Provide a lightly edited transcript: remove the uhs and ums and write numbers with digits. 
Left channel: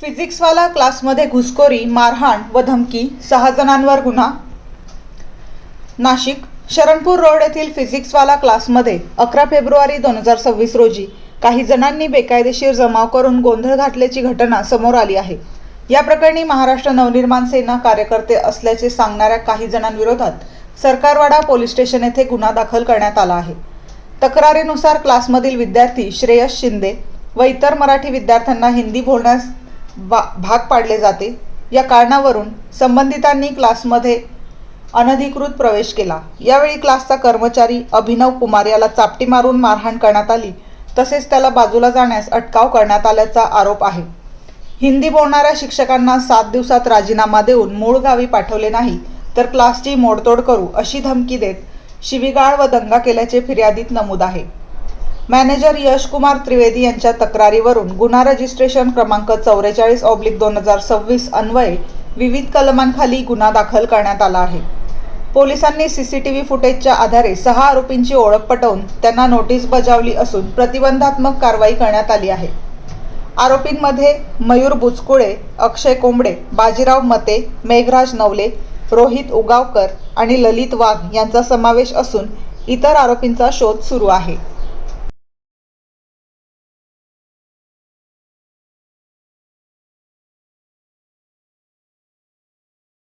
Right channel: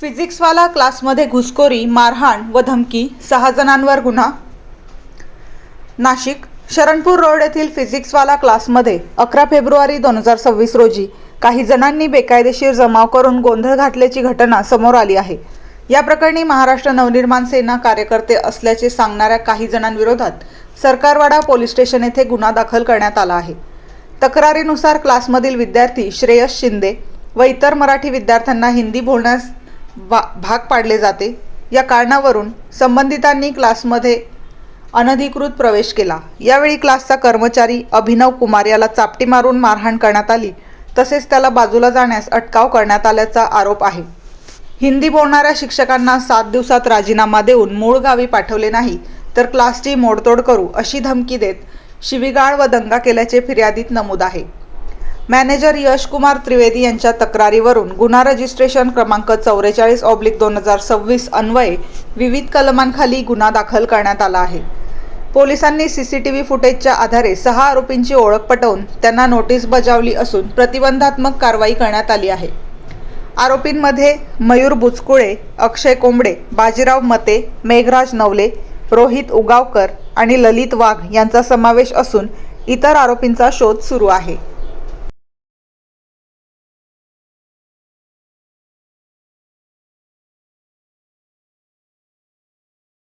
फिजिक्सवाला क्लासमध्ये घुसखोरी, मारहाण व धमकी, 6 जणांवर गुन्हा. नाशिक शरणपूर रोड येथील फिजिक्सवाला क्लासमध्ये 11 फेब्रुवारी 2026 रोजी काही जणांनी बेकायदेशीर जमाव करून गोंधळ घातल्याची घटना समोर आली आहे. या प्रकरणी महाराष्ट्र नवनिर्माण सेना कार्यकर्ते असल्याचे सांगणाऱ्या काही जणांविरोधात सरकारवाडा पोलीस स्टेशन येथे गुन्हा दाखल करण्यात आला आहे. तक्रारीनुसार क्लासमधील विद्यार्थी श्रेयस शिंदे व इतर मराठी विद्यार्थ्यांना हिंदी बोलण्यास भाग पाडले जाते. या कारणावरून संबंधितांनी क्लासमध्ये अनधिकृत प्रवेश केला. यावेळी क्लासचा कर्मचारी अभिनव कुमार याला चापटी मारून मारहाण करण्यात आली. तसेच त्याला बाजूला जाण्यास अटकाव करण्यात आल्याचा आरोप आहे. हिंदी बोलणाऱ्या शिक्षकांना 7 दिवसात राजीनामा देऊन मूळ गावी पाठवले नाही तर क्लासची मोडतोड करू अशी धमकी देत शिवीगाळ व दंगा केल्याचे फिर्यादीत नमूद आहे. मॅनेजर यशकुमार त्रिवेदी यांच्या तक्रारीवरून गुन्हा रजिस्ट्रेशन क्रमांक 44/2026 अन्वये विविध कलमांखाली गुन्हा दाखल करण्यात आला आहे. पोलिसांनी सीसीटीव्ही फुटेजच्या आधारे 6 आरोपींची ओळख पटवून त्यांना नोटीस बजावली असून प्रतिबंधात्मक कारवाई करण्यात आली आहे. आरोपींमध्ये मयूर बुचकुळे, अक्षय कोंबडे, बाजीराव मते, मेघराज नवले, रोहित उगावकर आणि ललित वाघ यांचा समावेश असून इतर आरोपींचा शोध सुरू आहे.